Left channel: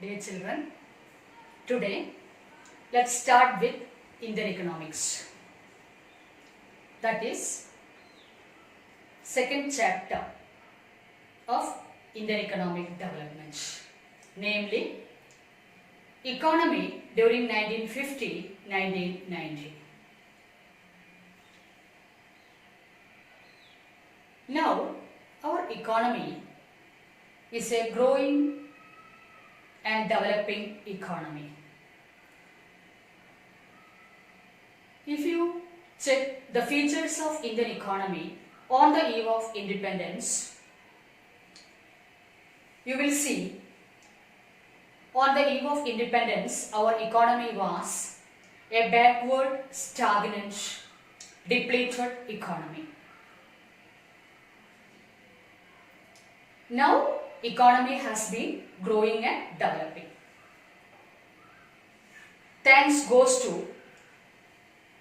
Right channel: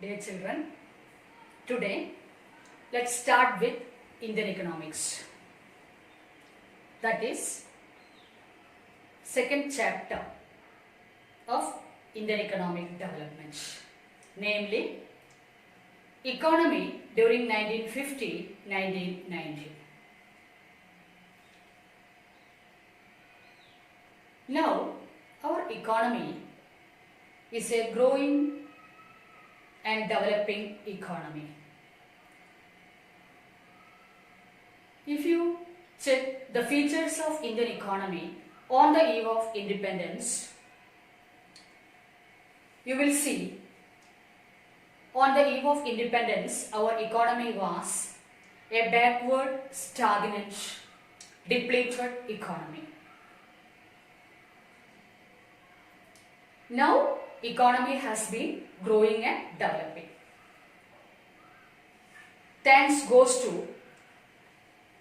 Dear children, today let's start with Indian economics. That is second chapter of Indian economic development, namely economy during 1950-1990. Now, our economy is a growing and developing economy. If you check the features of Indian economy on the eve of independence, you will see on the eve of independence our economy was a backward, stagnant, depleted economy. Now, economy has been growing and developing. Thanks goes to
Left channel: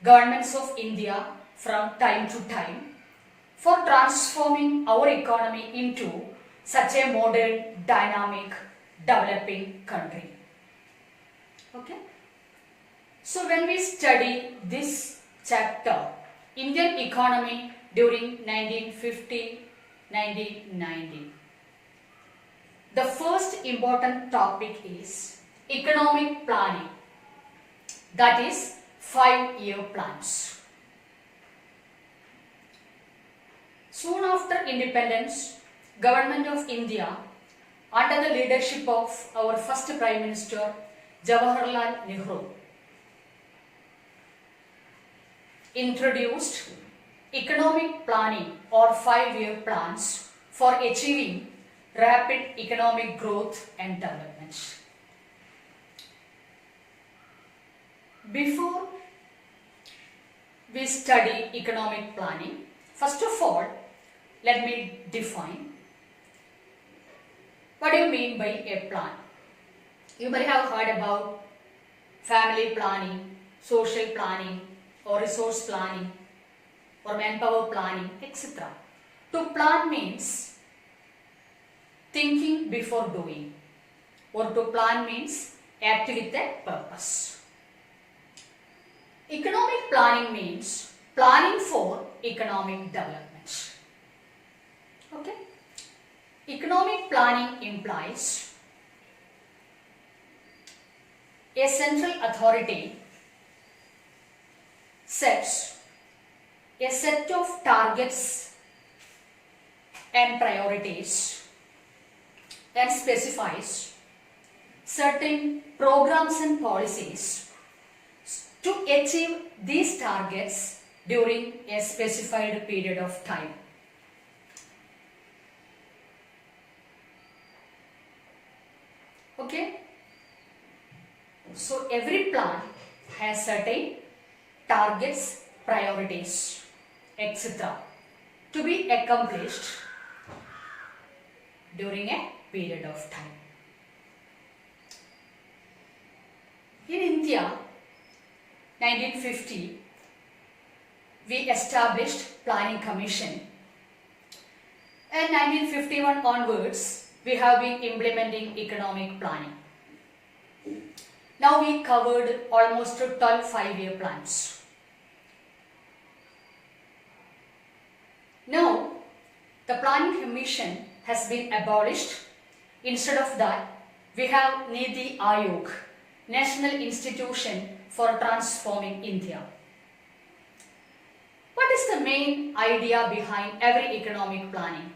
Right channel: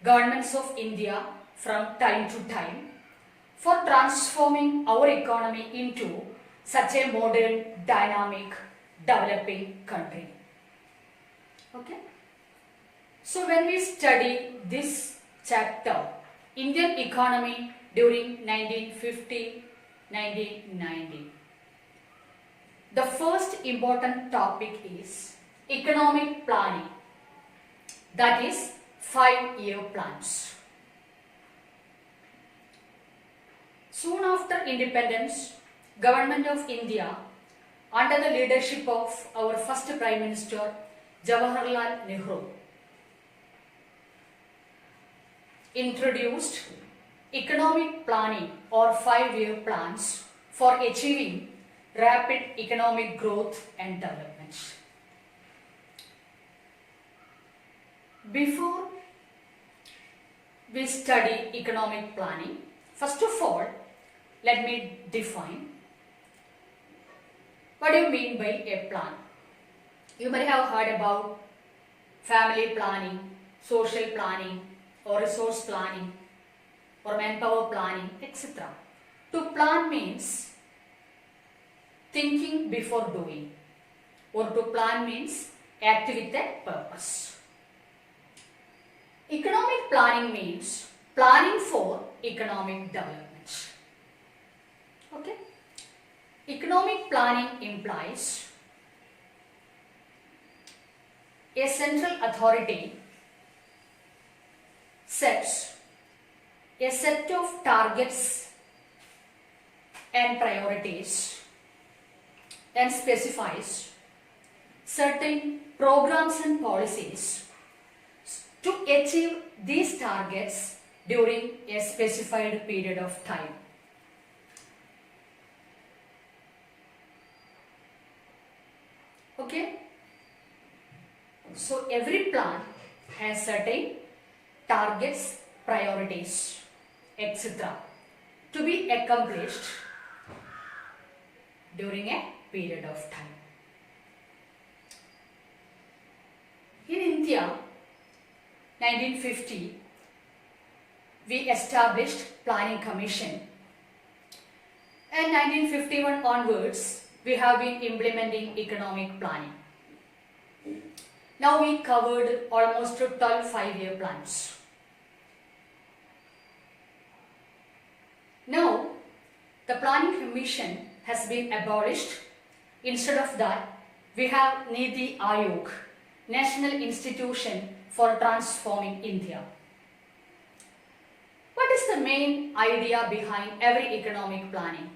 governments of India from time to time for transforming our economy into such a modern, dynamic, developing country. Okay? So when we study this chapter, Indian economy during 1950-1990, the first important topic is economic planning, that is 5-year plans. Soon after independence, Government of India under the leadership of our first Prime Minister Jawaharlal Nehru introduced economic planning or 5-year plans for achieving rapid economic growth and development. Before we study economic planning, first of all, let me define what do you mean by a plan. You might have heard about family planning, social planning, or resource planning, or manpower planning, etc. To plan means thinking before doing, or to plan means act with a purpose. Economic planning means planning for economic development. Okay? Economic planning implies a central authority sets a set of targets and priorities and specifies certain programs and policies to achieve these targets during a specified period of time. Okay? So every plan has certain targets, priorities, etc. to be accomplished during a period of time. In India, 1950, we established Planning Commission, and 1951 onwards, we have been implementing economic planning. Now we covered almost 12 5-year plans. Now, the Planning Commission has been abolished. Instead of that, we have Niti Aayog, National Institution for Transforming India. What is the main idea behind every economic planning?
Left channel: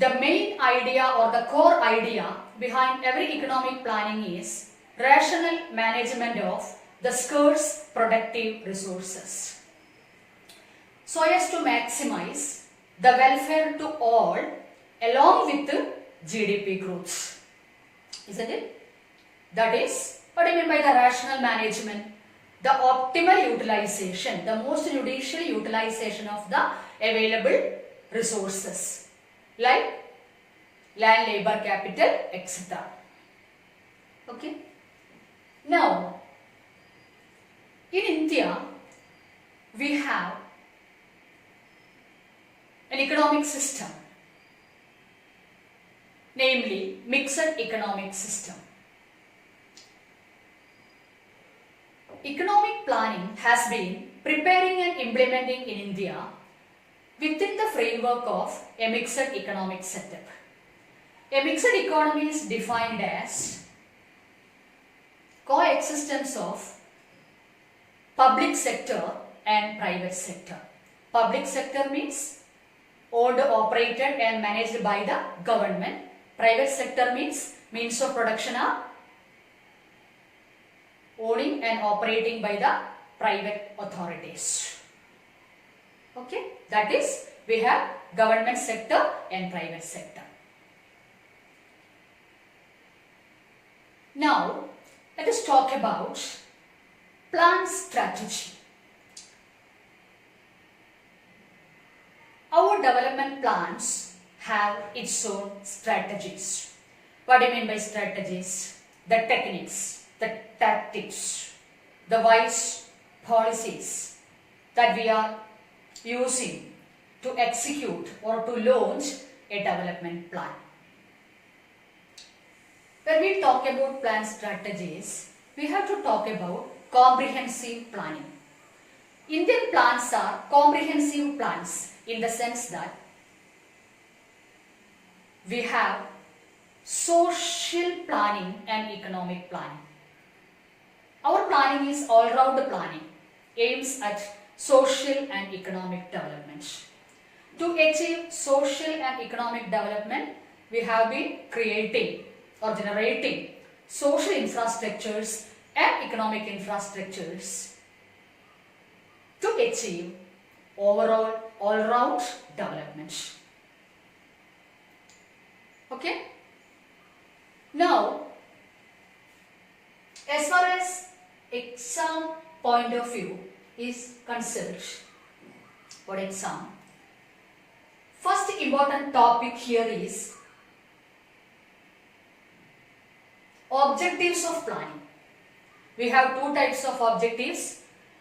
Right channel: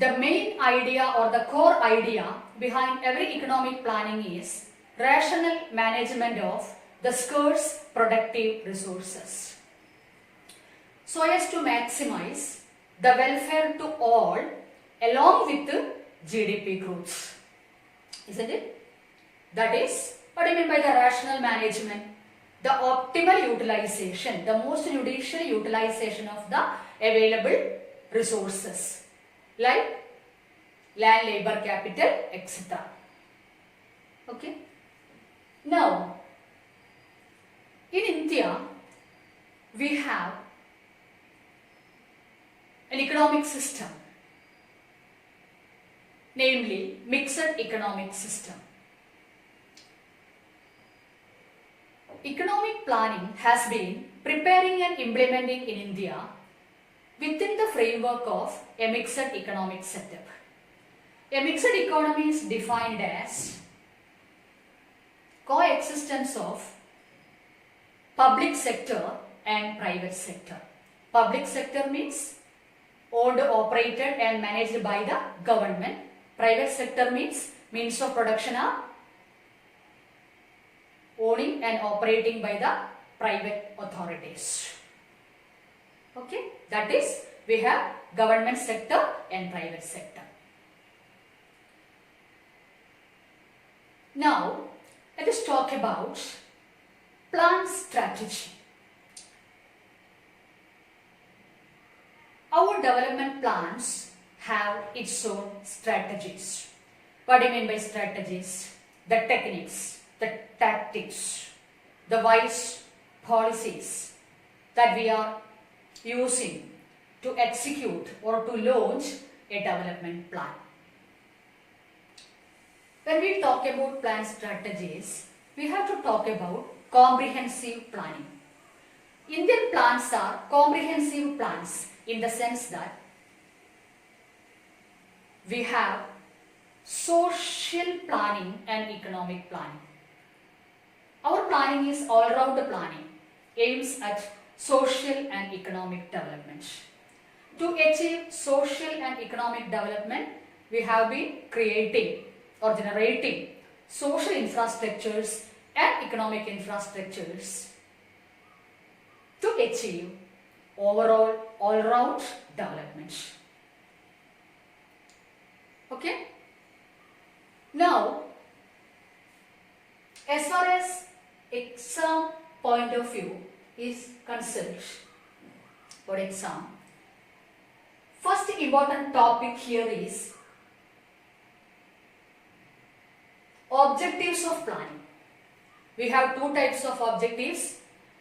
The main idea or the core idea behind every economic planning is rational management of the scarce productive resources, so as to maximize the welfare to all along with the GDP growth. Isn't it? That is, what do you mean by the rational management? The optimal utilization, the most judicial utilization of the available resources like land, labor, capital, etc. Okay. Now, in India, we have an economic system namely mixed economic system. Economic planning has been preparing and implementing in India within the framework of a mixed economic setup. A mixed economy is defined as coexistence of public sector and private sector. Public sector means owned, operated and managed by the government. Private sector means means of production are owning and operating by the private authorities. Okay, that is, we have government sector and private sector. Now, let us talk about plan strategy. Our development plans have its own strategies. What do you mean by strategies? The techniques, the tactics, the wise policies that we are using to execute or to launch a development plan. When we talk about plan strategies, we have to talk about comprehensive planning. Indian plans are comprehensive plans in the sense that we have social planning and economic planning. Our planning is all-round planning, aims at social and economic development. To achieve social and economic development, we have been creating or generating social infrastructures and economic infrastructures to achieve overall all-round development. Okay? Now, as far as exam point of view is concerned, for exam, first important topic here is objectives of planning. We have two types of objectives,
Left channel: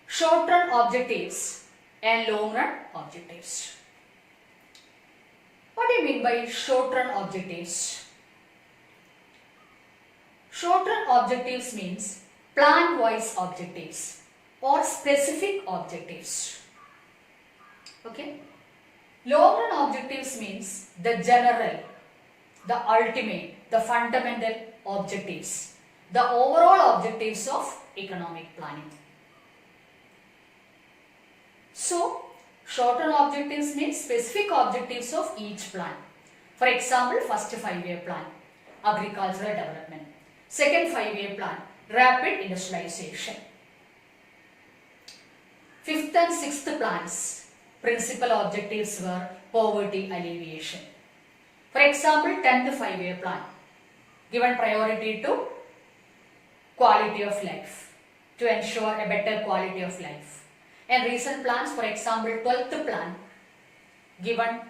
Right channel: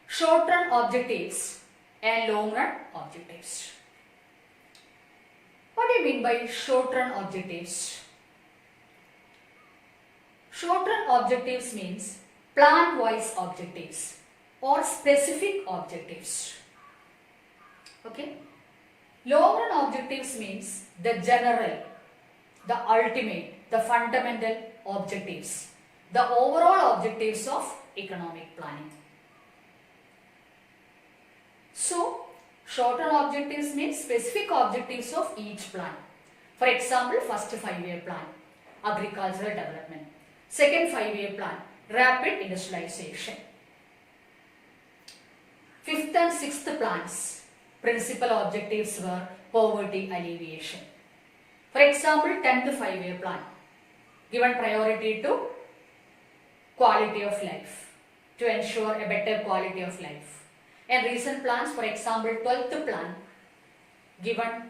short-run objectives and long-run objectives. What do you mean by short-run objectives? Short-run objectives means plan-wise objectives or specific objectives. Okay? Long-run objectives means the general, the ultimate, the fundamental objectives, the overall objectives of economic planning. So, short-run objectives means specific objectives of each plan. For example, first 5-year plan, agricultural development. Second 5-year plan, rapid industrialization. Fifth and sixth plans, principal objectives were poverty alleviation. For example, 10th 5-year plan, given priority to quality of life, to ensure a better quality of life. And recent plans, for example, 12th plan, given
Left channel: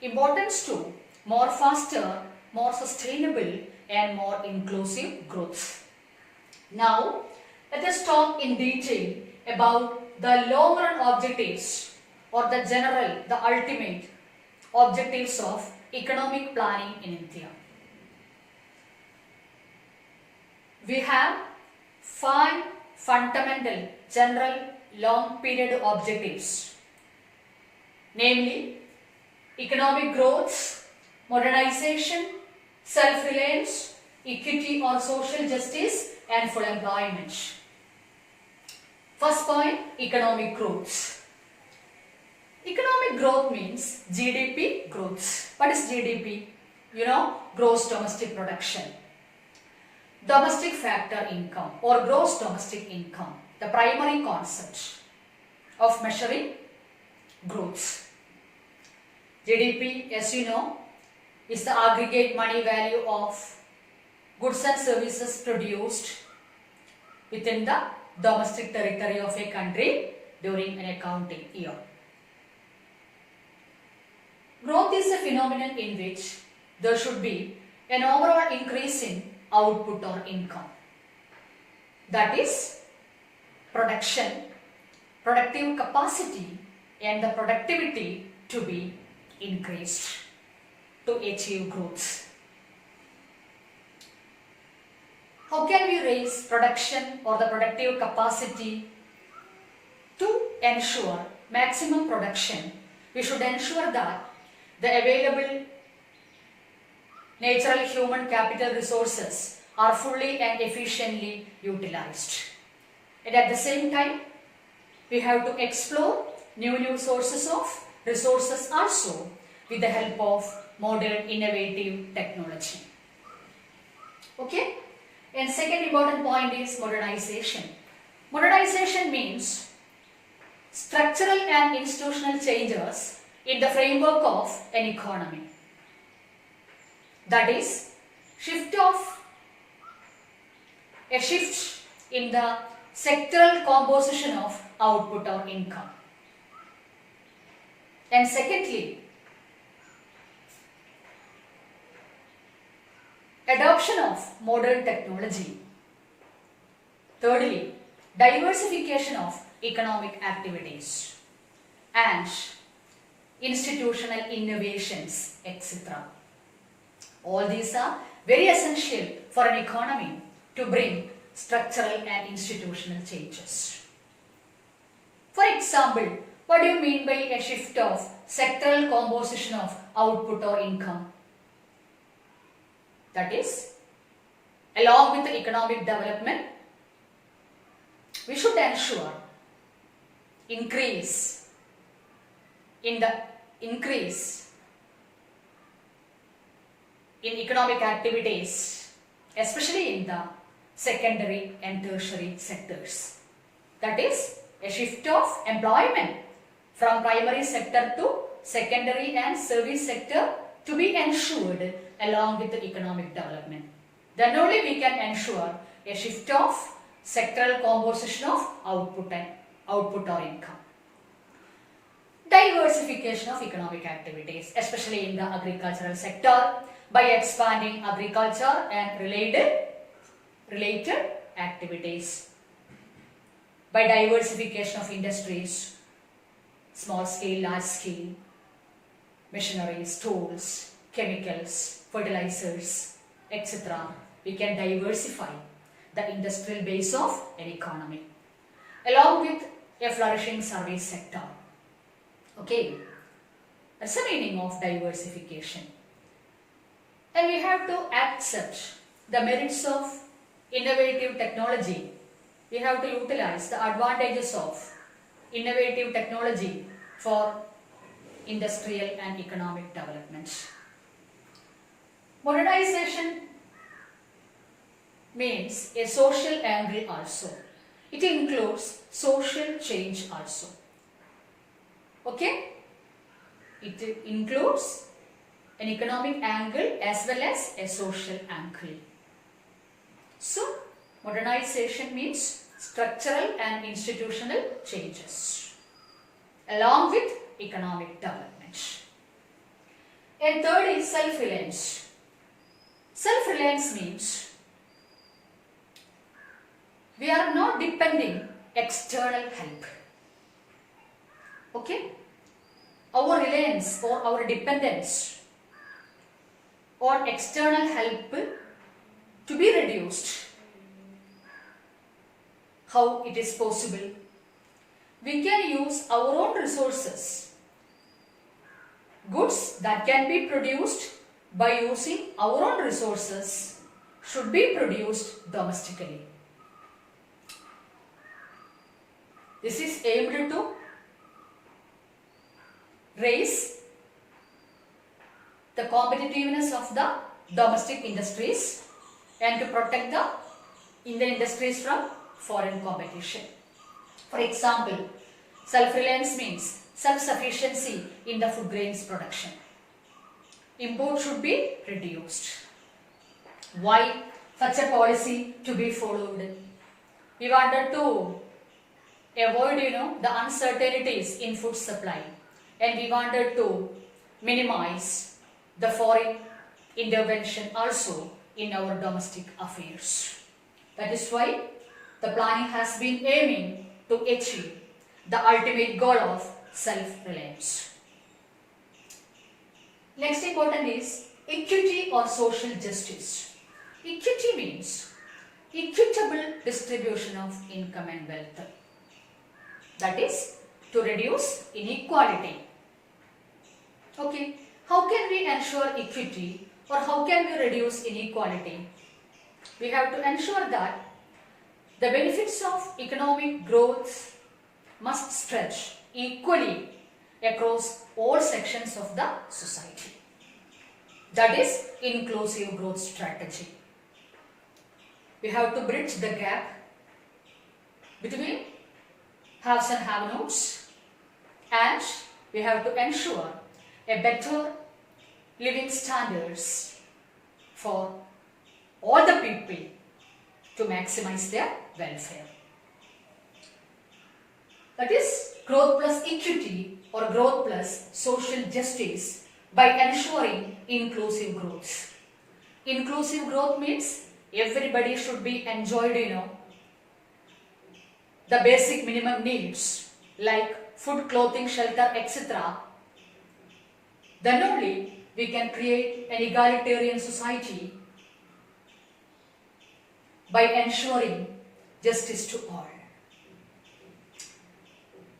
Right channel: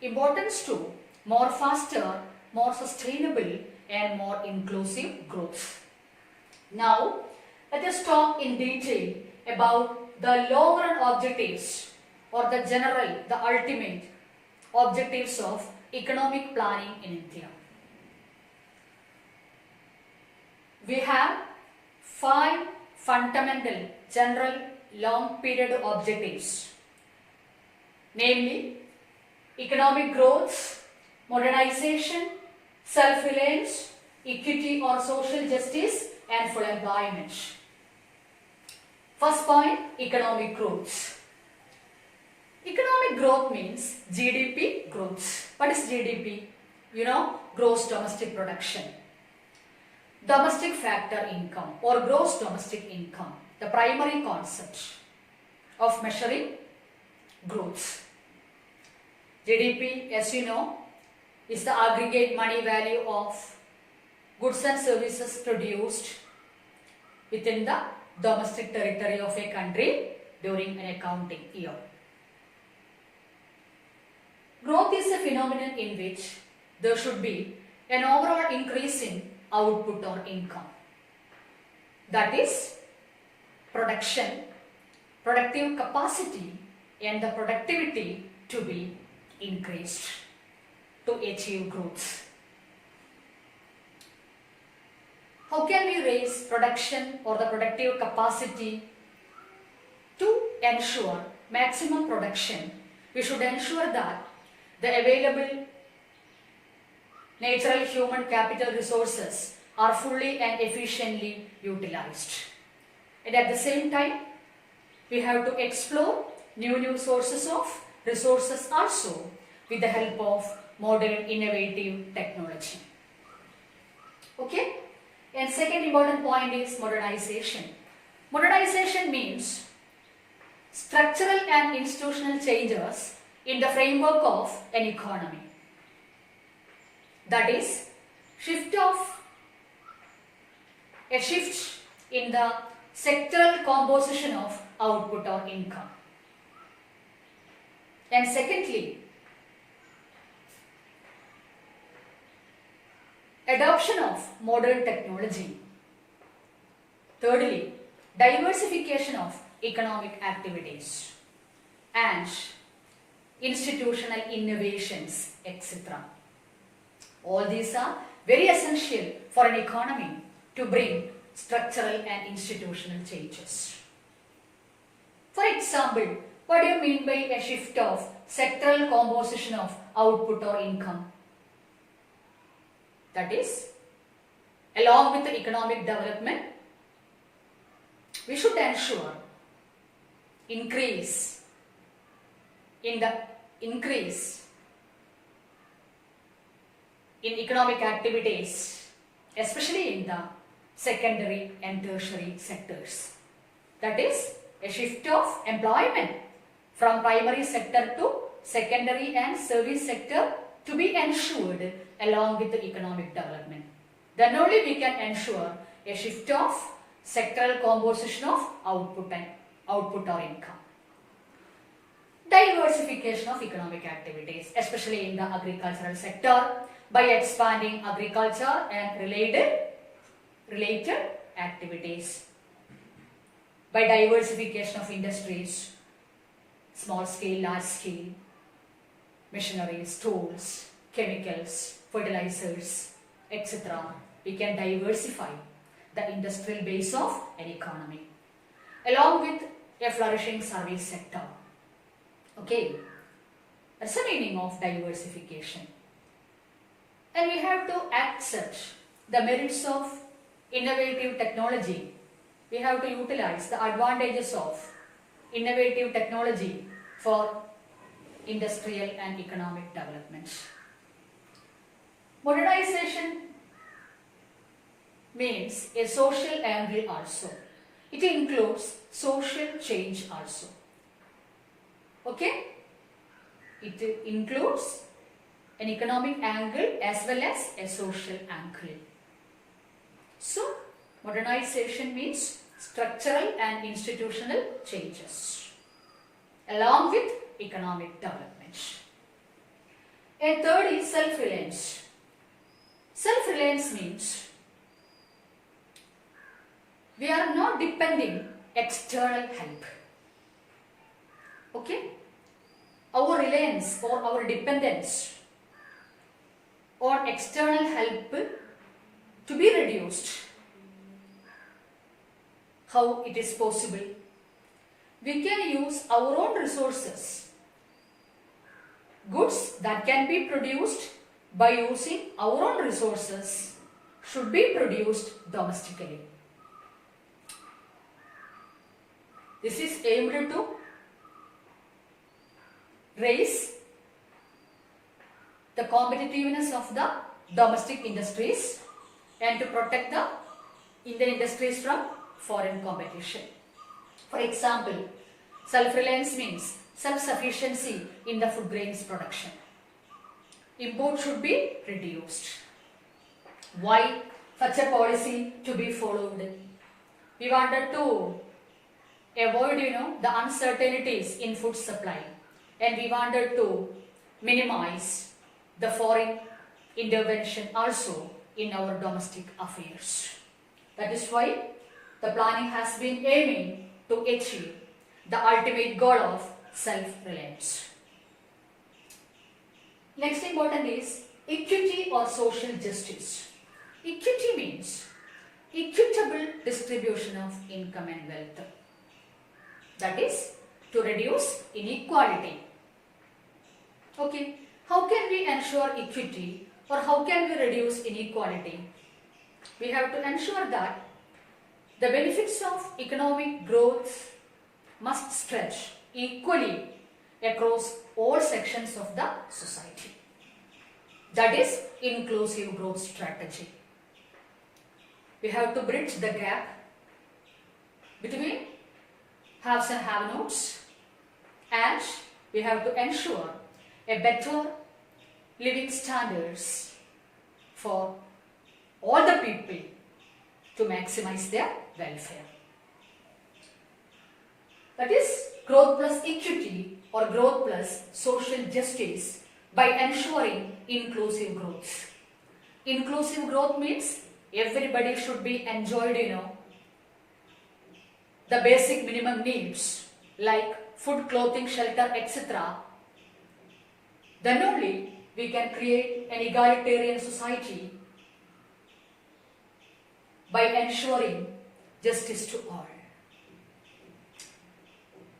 importance to more faster, more sustainable and more inclusive growth. Now, let us talk in detail about the long-run objectives or the general, the ultimate objectives of economic planning in India. We have 5 fundamental general long period objectives, namely economic growth, modernization, self-reliance, equity or social justice and full employment. First point, economic growth. Economic growth means GDP growth. What is GDP? You know, gross domestic production. Domestic factor income or gross domestic income, the primary concept of measuring growth. GDP, as you know, is the aggregate money value of goods and services produced within the domestic territory of a country during an accounting year. Growth is a phenomenon in which there should be an overall increase in output or income. That is, production, productive capacity and the productivity to be increased to achieve growth. How can we raise production or the productive capacity to ensure maximum production? We should ensure that the available natural human capital resources are fully and efficiently utilized. And at the same time, we have to explore new sources of resources also with the help of modern innovative technology. Okay? And second important point is modernization. Modernization means structural and institutional changes in the framework of an economy. That is, a shift in the sectoral composition of output or income. And secondly, adoption of modern technology. Thirdly, diversification of economic activities and institutional innovations, etc. All these are very essential for an economy to bring structural and institutional changes. For example, what do you mean by a shift of sectoral composition of output or income? That is, along with the economic development, we should ensure increase in economic activities, especially in the secondary and tertiary sectors. That is, a shift of employment from primary sector to secondary and service sector to be ensured along with the economic development. Then only we can ensure a shift of sectoral composition of output or income. Diversification of economic activities, especially in the agricultural sector, by expanding agriculture and related activities. By diversification of industries, small scale, large scale, machineries, tools, chemicals, fertilizers, etc. We can diversify the industrial base of an economy along with a flourishing service sector. Okay, that's the meaning of diversification. And we have to accept the merits of innovative technology. We have to utilize the advantages of innovative technology for industrial and economic development. Modernization means a social angle also. It includes social change also. Okay? It includes an economic angle as well as a social angle. So, modernization means structural and institutional changes along with economic development. And third is self-reliance. Self-reliance means we are not depending external help. Okay? Our reliance or our dependence on external help to be reduced. How it is possible? We can use our own resources. Goods that can be produced by using our own resources should be produced domestically. This is aimed to raise the competitiveness of the domestic industries and to protect the Indian industries from foreign competition. For example, self-reliance means self-sufficiency in the food grains production. Import should be reduced. Why such a policy to be followed? We wanted to avoid, the uncertainties in food supply, and we wanted to minimize the foreign intervention also in our domestic affairs. That is why the planning has been aiming to achieve the ultimate goal of self-reliance. Next important is equity or social justice. Equity means equitable distribution of income and wealth. That is to reduce inequality. Okay, how can we ensure equity or how can we reduce inequality? We have to ensure that the benefits of economic growth must stretch equally across all sections of the society. That is inclusive growth strategy. We have to bridge the gap between haves and have-nots, and we have to ensure a better living standards for all the people to maximize their welfare. That is growth plus equity or growth plus social justice by ensuring inclusive growth. Inclusive growth means everybody should be enjoyed, the basic minimum needs like food, clothing, shelter, etc. Then only we can create an egalitarian society by ensuring justice to all.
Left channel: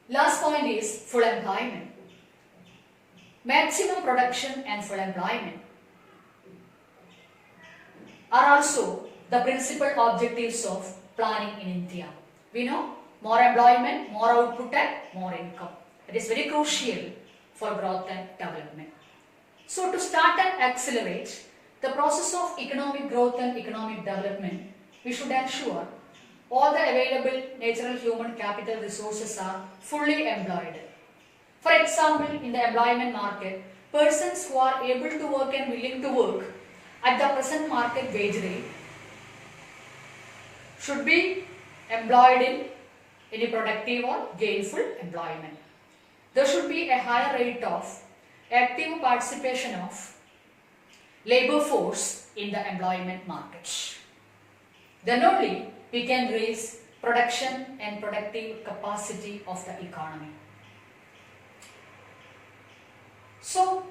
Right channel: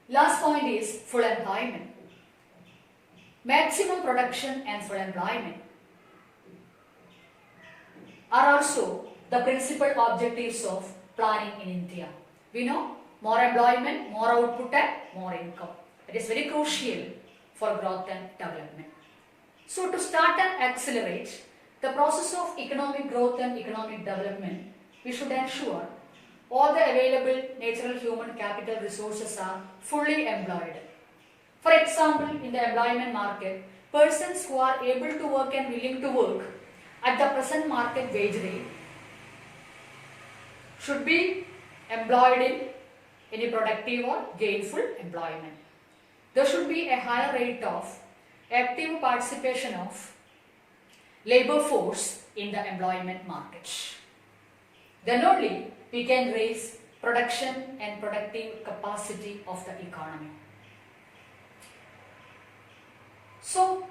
Last point is full employment. Maximum production and full employment are also the principal objectives of planning in India. We know more employment, more output and more income. It is very crucial for growth and development. So to start and accelerate the process of economic growth and economic development, we should ensure all the available natural human capital resources are fully employed. For example, in the employment market, persons who are able to work and willing to work at the present market wage rate should be employed in any productive or gainful employment. There should be a higher rate of active participation of labor force in the employment market. Then only we can raise production and productive capacity of the economy. So,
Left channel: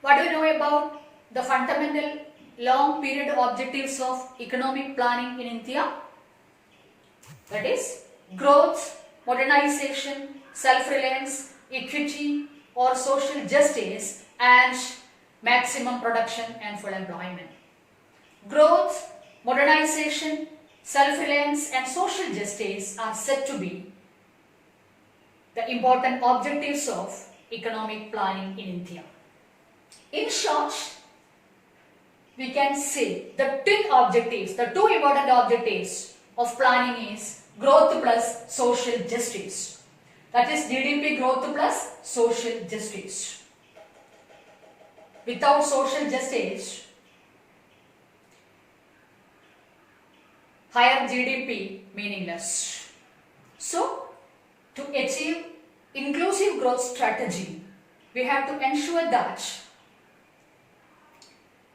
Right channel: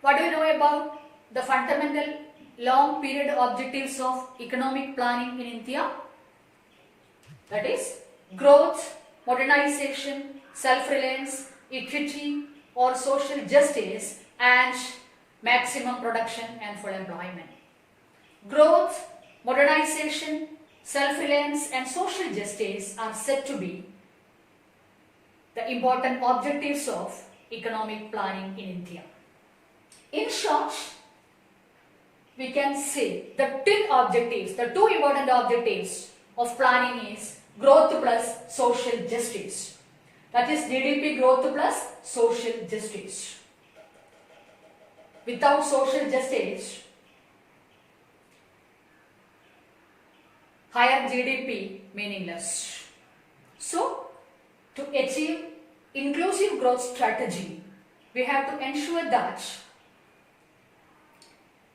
what do you know about the fundamental long period objectives of economic planning in India? That is growth, modernization, self-reliance, equity or social justice and maximum production and full employment. Growth, modernization, self-reliance and social justice are said to be the important objectives of economic planning in India. In short, we can say the twin objectives, the two important objectives of planning is growth plus social justice. That is GDP growth plus social justice. Without social justice, higher GDP meaningless. So, to achieve inclusive growth strategy, we have to ensure that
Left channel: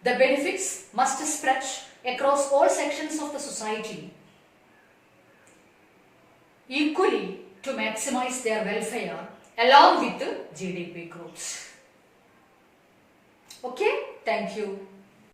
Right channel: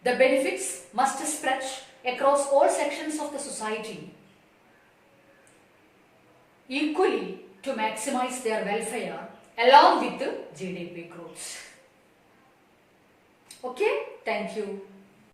the benefits must spread across all sections of the society equally to maximize their welfare along with the GDP growth. Okay, thank you.